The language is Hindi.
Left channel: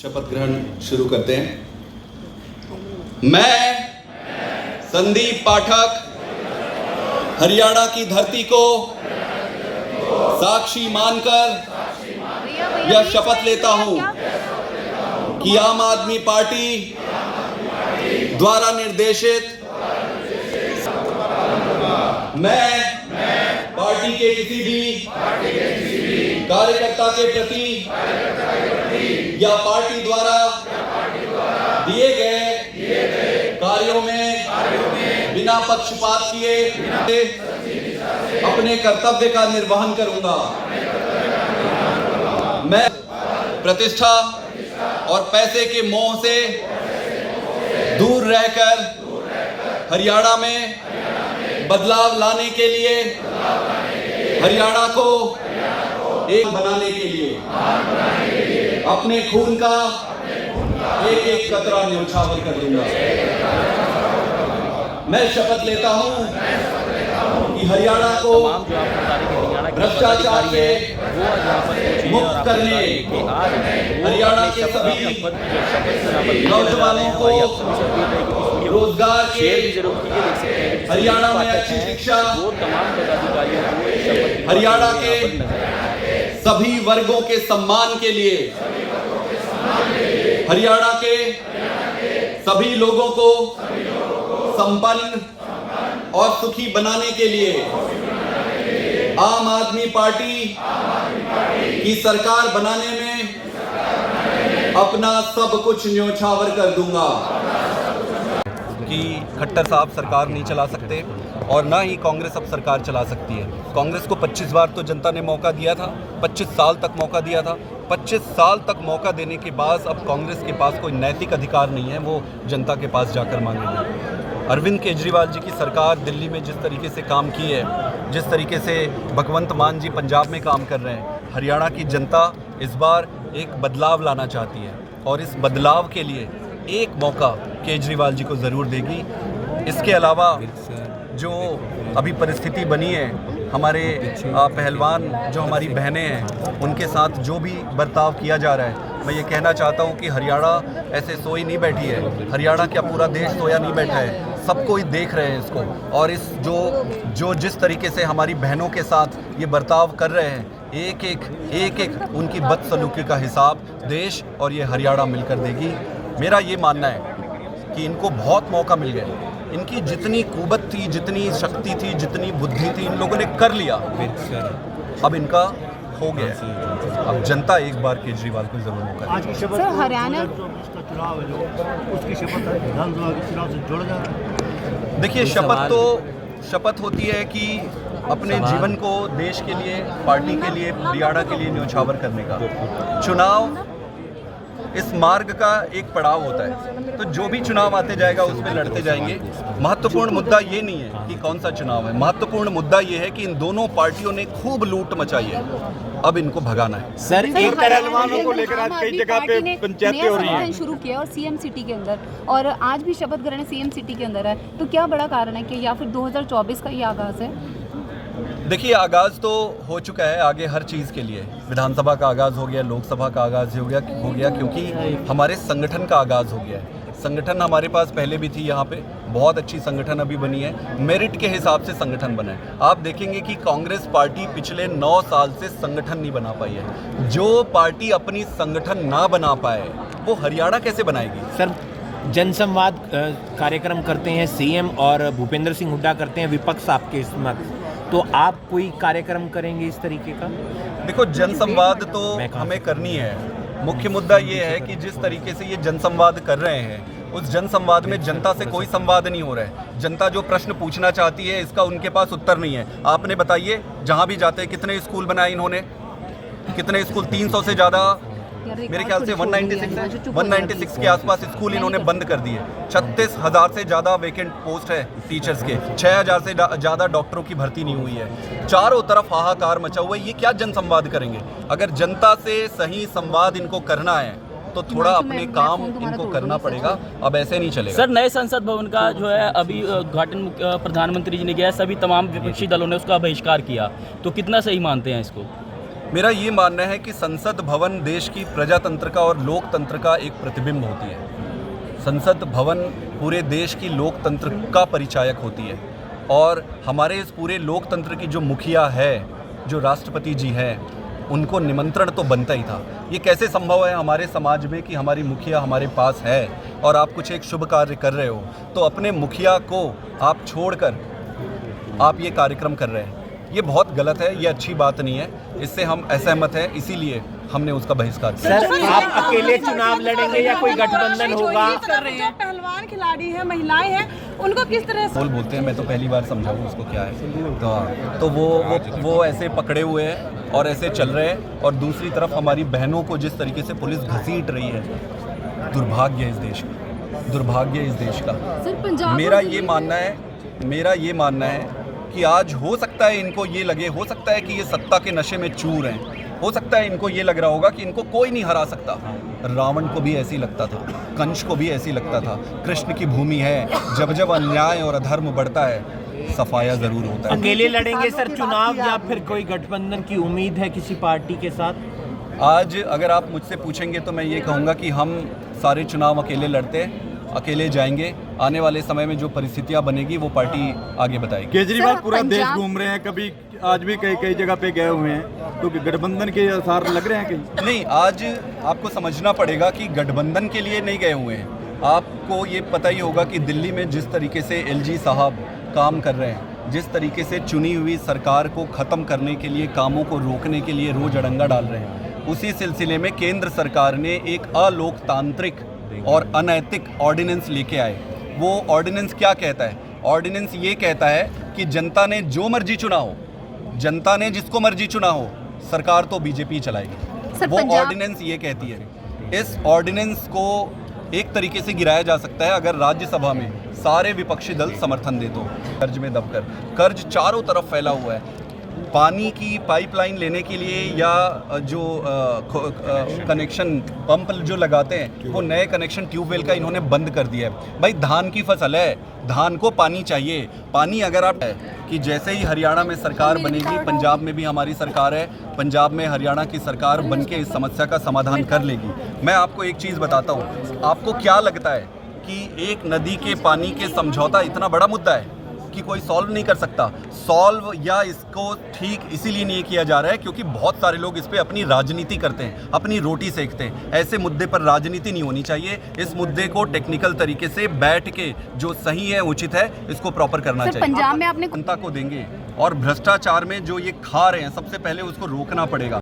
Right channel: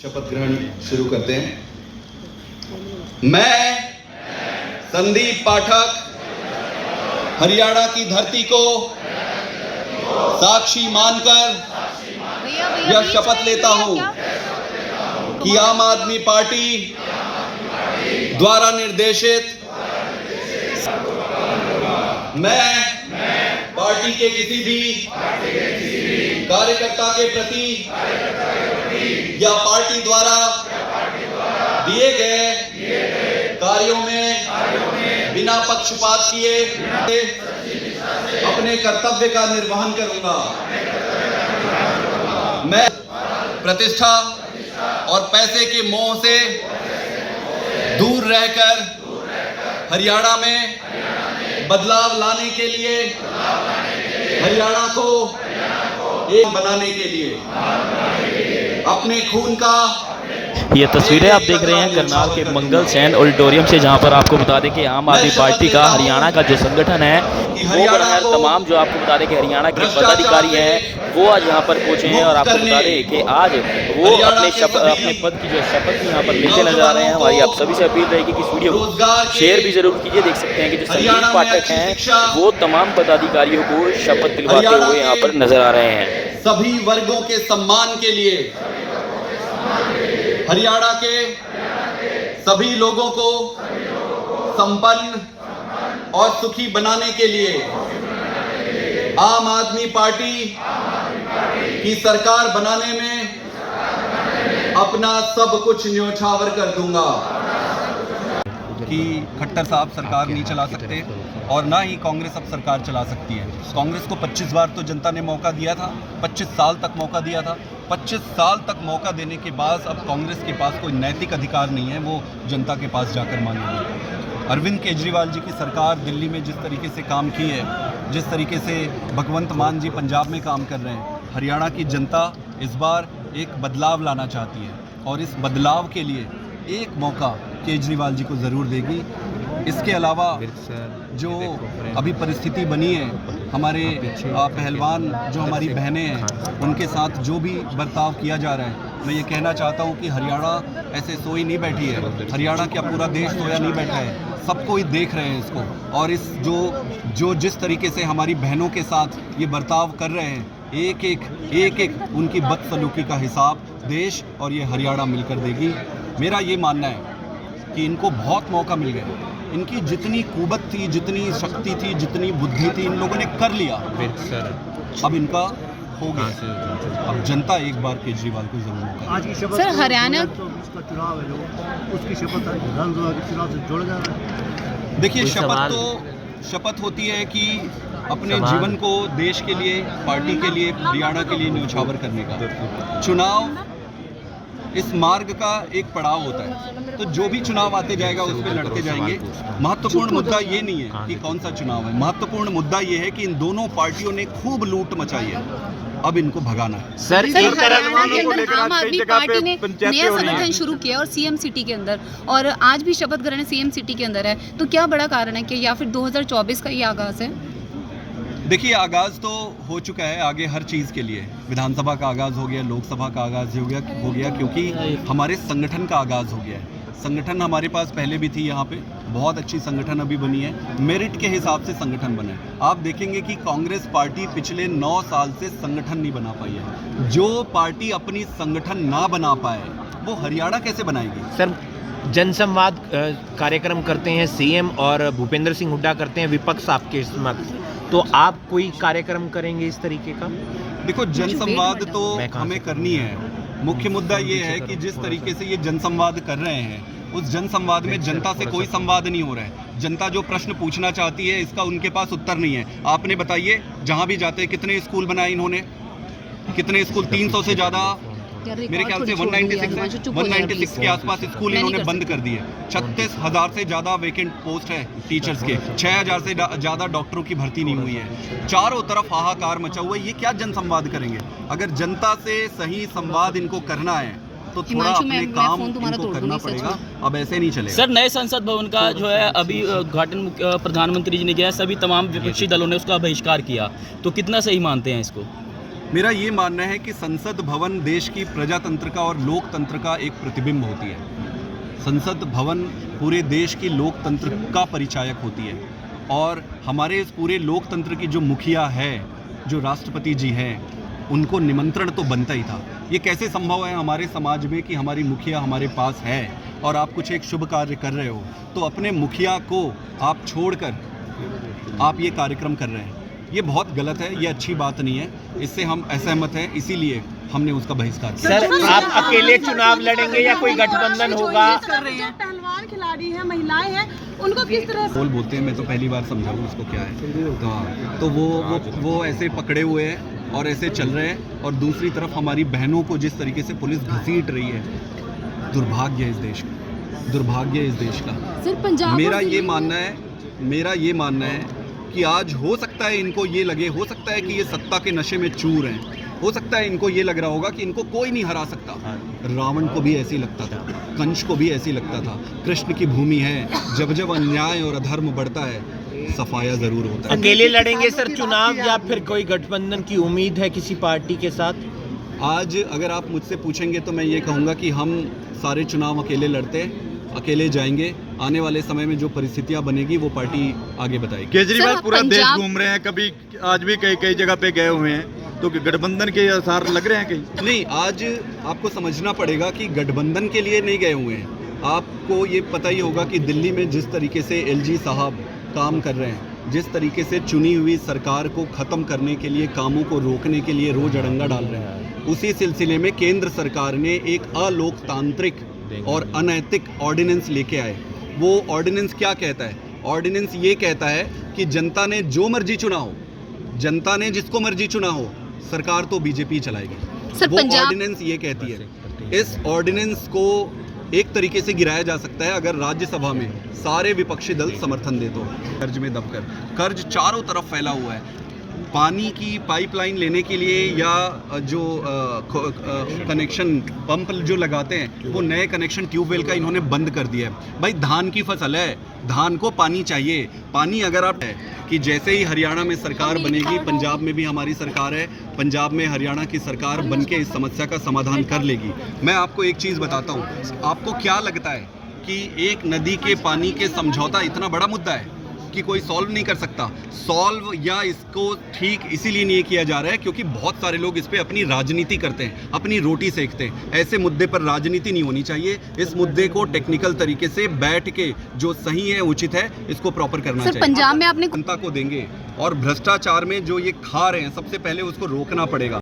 शपथ ग्रहण शुरू करते हैं। मैं संदीप पाठक हरियाणा की धरती को साक्षी मानकर यह शपथ लेता हूं कि आम आदमी पार्टी द्वारा निर्देशित मैं पार्टी के किसी भी कार्यकर्ता के प्रति या पार्टी द्वारा दिए गए कार्यों में बिना पक्षपात किए अपने कर्तव्य का निर्वहन करूंगा। मैं प्रतिष्ठा और पैसे के मोह से दूर रहकर हरियाणा में बदलाव लाने के लिए, हरियाणा को एक बनाने के लिए अपने खून का ये तस्वीरें आप देख रहे हैं करनाल के मंगल सैन ऑडिटोरियम से, जहां पर आपको बता दें कि आम आदमी पार्टी का हरियाणा का जो संगठन है हरियाणा को तमाम जो आपको बता दें कि हरियाणा के पदाधिकारी है वो आज यहाँ पर पहुंचे हैं और आपको बता दें कि आज वो अपने पद की जो शपथ लेके नजर आ रहे हैं। हमारी आप सभी से अपील रहेगी कि इस वीडियो को शेयर भी जरूर कीजिए। देख सकते हैं कि जो संदीप पाठक हैं वो तमाम पदाधिकारियों को शपथ दिलवाते हुए यहाँ पर नजर आ रहे हैं। सभी वर्गों के सम्मान के लिए, हरियाणा के सभी लोगों को संपन्न और सुखी बनाने के लिए आम आदमी पार्टी की सरकार बनाने में अपना सब कुछ न्योछावर कर दूंगा। कि खट्टर साहब सरकार नहीं चला सकते और ना ही कांग्रेस अब सरकार चला सकती है। कांग्रेस को 25 बार तो जनता ने मौका दिया था, 25 साल तक मौका दिया था। 25 साल तक मौका देने के बाद अब कांग्रेस के पास कोई नैतिक अधिकार नहीं है वो जनता के पास जाकर मांगेगी। अरविंद केजरीवाल जी की सरकार दिल्ली में जिस तरीके से काम की है, जिस तरीके से भगवंत मान जी पंजाब में काम कर रहे हैं, हरियाणा की जनता इस बार एक बदलाव लाना चाहती है और इस बदलाव के लिए एक मौका केजरीवाल जी को ज़रूर देगी। इसके अलावा जो अभी परिस्थिति बनी है, हमारे पहलवान जो हमारी बहनें हैं उनके साथ जो भी बर्ताव किया जा रहा है, मैं ये कहना चाहता हूँ कि हरियाणा ऐसे सोई नहीं बैठी है। हरियाणा क्या पूरा देश सोया नहीं बैठा है, सब कोई देख रहे हैं इसको। और इस जो जिस तरीके से हमारी बहनों के साथ ये बर्ताव कर रहे हैं, एक एक उनकी बदसलूकी का हिसाब देश और ये हरियाणा मिलकर देगी। मेरा ये मानना है कि इनको बहुत मौका मिल गया। इनकी जितनी कुवत थी, जितनी शक्ति थी, जितनी बुद्धि थी, इन लोगों ने कर लिया। अब इनका हो गया। अब जनता एक बार केजरीवाल को जरूर मौका आज की शपथ सर हरियाणा का चुनाव है जो उसकी शपथ विधानसभा के चुनाव से जोड़ा जा रहा है। देखिए, शपथ होती है कि अपने जीवन को देश के लिए, पार्टी के लिए, हरियाणा के लिए न्योछावर करने का। चुनाव इस मार्ग का एक पड़ाव होता है, तो जो भी चुनाव आते जाएगा उस पर लड़ते जाएंगे। महत्वपूर्ण मुद्दा ये नहीं है कि कौन सा चुनाव है, महत्वपूर्ण मुद्दा ये है कि इन दोनों पार्टियों ने खूब लूट मचाई है, अब इनको भगाना है। सर हरियाणा के अंदर आम आदमी पार्टी ने नया संगठन शुरू किया और सीएम सिटी के अंदर, और आज भी शपथ ग्रहण सीएम सिटी के अंदर है, तो क्या बड़ा कारण है कि या फिर 2024 का ये आगाज है? देखिए, आगाज़ तो हो चुका है, आगे हर चीज़ के लिए विधानसभा का आगाज़ हो गया, लोकसभा का आगाज़ हो गया क्योंकि हमारे संगठन का आगाज़ हो गया है। संगठन हमारे पास पहले भी थी, यहाँ पे बहुत अच्छी संगठन अभी बनी है, मेरिट के हिसाब से संगठन बना है। आप देखेंगे कि कांग्रेस पार्टी पिछले 9 साल से संगठन नहीं बना पाई है। जो पार्टी अपनी संगठन ना बना पाए वो हरियाणा कैसे बनाएगी? सर, जनसंवाद कार्यक्रम करते हैं सीएम और भूपेंद्र सिंह हुड्डा करते हैं, विपक्ष आपके समक्ष, तो आप कोई कार्यक्रम करेंगे इस तरीके का? देखो, जनसंवाद तो हमें करनी है। मुख्य मुद्दा ये है कि जिस तरीके से ये जनसंवाद कर रहे हैं, उस जनसंवाद में जनता से कोई संवाद नहीं हो रहा है। जनता जो प्रश्न पूछना चाहती है इसका उनके पास उत्तर नहीं है। आपने बताइए, जहाँ भी जाते कितने स्कूल बनाए इन्होंने, कितने स्कूल, 300 से ज़्यादा, मेरे ख्याल से 196 के आसपास स्कूल इन्होंने बंद कर दिए। 36,000 से ज़्यादा वेकेंट पोस्ट है टीचर्स के, 6,000 से ज़्यादा डॉक्टरों की भर्ती नहीं हुई है। चारों तरफ हाहाकार मचा हुआ है। ये क्या जनसंवाद करेंगे? अगर जनता से सही संवाद इनको करना है तो थोड़ा अपने काम इनको करना पड़ेगा, अब ऐसे नहीं चलेगा। सर, नए संसद भवन का जो है अभी उद्घाटन प्रधानमंत्री जी ने किया है, सभी तमाम विपक्षी दलों ने उसका बहिष्कार किया, तो कितना सही मानते हैं इसको? मेरा ये मानना है कि संसद भवन देश की प्रजातंत्र का और लोकतंत्र का एक प्रतिबिंब होती है। संसद भवन पूरे देश की लोकतंत्र का परिचायक होती है और हमारे इस पूरे लोकतंत्र की जो मुखिया है, जो राष्ट्रपति जी हैं, उनको निमंत्रण तो बनता ही था। ये कैसे संभव है हमारे समाज में कि हमारी मुखिया हमारे पास है और आप कुछ एक शुभ कार्य कर रहे हो तो अपने मुखिया को आप छोड़कर आप ये कार्यक्रम कर रहे हैं। ये बहुत गलत है, ये अच्छी बात नहीं है, इससे हम असहमत हैं, इसीलिए हमने उसका बहिष्कार किया। सर, आप अकेले चुनाव लड़ेंगे या कोई गठबंधन होगा? जो पहलवान खिलाड़ी हैं, महिलाएं हैं, उनको किस तरह से बोलते हैं, मैं तो पहली बार समझाऊँ उसको क्या है। तो वो ऐसे पकड़े हुए हैं और ऐसे चल रहे हैं और दूसरी तरफ हमारी बहनों को जिस तरीके से पुलिस घसीट रही है, दुर्भाग्य है इस देश का, दुर्भाग्य है इस देश का। मेरा ये मानना है कि आज हो सकता है इनको ये लगे, हो सकता है कि ये सत्ता के नशे में चूर हैं, हो सकता है इनको ये लग रहा होगा कि इनको कोई नहीं हरा सकता। रावण को भी ऐसे ही लगता था, कंस को भी ऐसे ही लगता था। कृष्ण की भूमि है, जब जब अन्याय और अधर्म बढ़ता है सफाया जरूर होता है। अकेले लड़ेंगे सर चुनाव या फिर कोई गठबंधन की उम्मीद है किसी पार्टी के साथ? आज अगर आप मुझसे पूछेंगे तो मैं ये कहूँगा कि हम सारे चुनाव अकेले लड़ते हैं, अकेले जाएंगे। आने वाले समय में जो परिस्थितियां बनेगी वो पार्टी आगे बताएगी। केजरीवाल पूरा देश घूम रहे हैं, कभी आज भी कई जगह पे गए हुए हैं, तो गठबंधन के आसार लग रहे हैं कहीं? नहीं, आज आपको समझना पड़ेगा कि गठबंधन के लिए नहीं गए हुए हैं। आपको ये पता ही होगा कि दिल्ली में जिस तरीके से एलजी साहब काम कर रहे हैं, जिस तरीके से चुनी हुई सरकार को ख़त्म करने के लिए, कामों को रोकने के लिए रोज अड़ंगा डाल रहे हैं, उसी सिलसिले में केंद्र सरकार ने एक अलोकतांत्रिक और अनैतिक ऑर्डिनेंस लेके आए। वो ऑर्डिनेंस क्या कहता है? ऑर्डिनेंस ये कहता है कि जनता ने जो मर्जी चुना हो, जनता ने जिसको मर्जी चुना हो, सरकार तो बीजेपी चलाएगी। वो ऑर्डिनेंस ये कहती है। इस ऑर्डिनेंस को एक तरीके से गिराया जा सकता है अगर राज्यसभा में सारे विपक्षी दल समर्थन दे तो। कर्ज में दबकर, कर्ज चारों तरफ फैला हुआ है। पानी की पाइपलाइन लेने के लिए या जो कनेक्शन पंप जो लगाते हैं, वो नए कनेक्शन ट्यूबवेल का इन्होंने बंद कर दिया है। भाई धान की फसल है, धान को पानी चाहिए। पानी अगर आप है कि जैसे ही हरियाणा में सरकार बनेगी, पंजाब में भी हमारी सरकार है, पंजाब में हरियाणा की सरकार बनके इस समस्या का समाधान कर लेगी। मैं आपको एक चीज़ बताता हूँ, आपको क्या लगता है कि एक नदी के पानी के समझौता इतना बड़ा मुद्दा है कि कोई सॉल्व नहीं कर सकता? सॉल्व या इसको ठीक इसीलिए नहीं किया जा रहा है क्योंकि बहुत सारे लोग इस पे अपनी राजनीति करते हैं, अपनी रोटी सेकते हैं। ऐसे मुद्दे पर राजनीति नहीं होनी चाहिए। इस मुद्दे को टेक्निकल तरीके से बैठ के जो सही है, उचित है, इसको प्रॉपर करना चाहिए। पंजाब में आपने जनता को देंगे और भ्रष्टाचार में जो ये खा रहे हैं, सबसे पहले उसको रोकना पड़ेगा।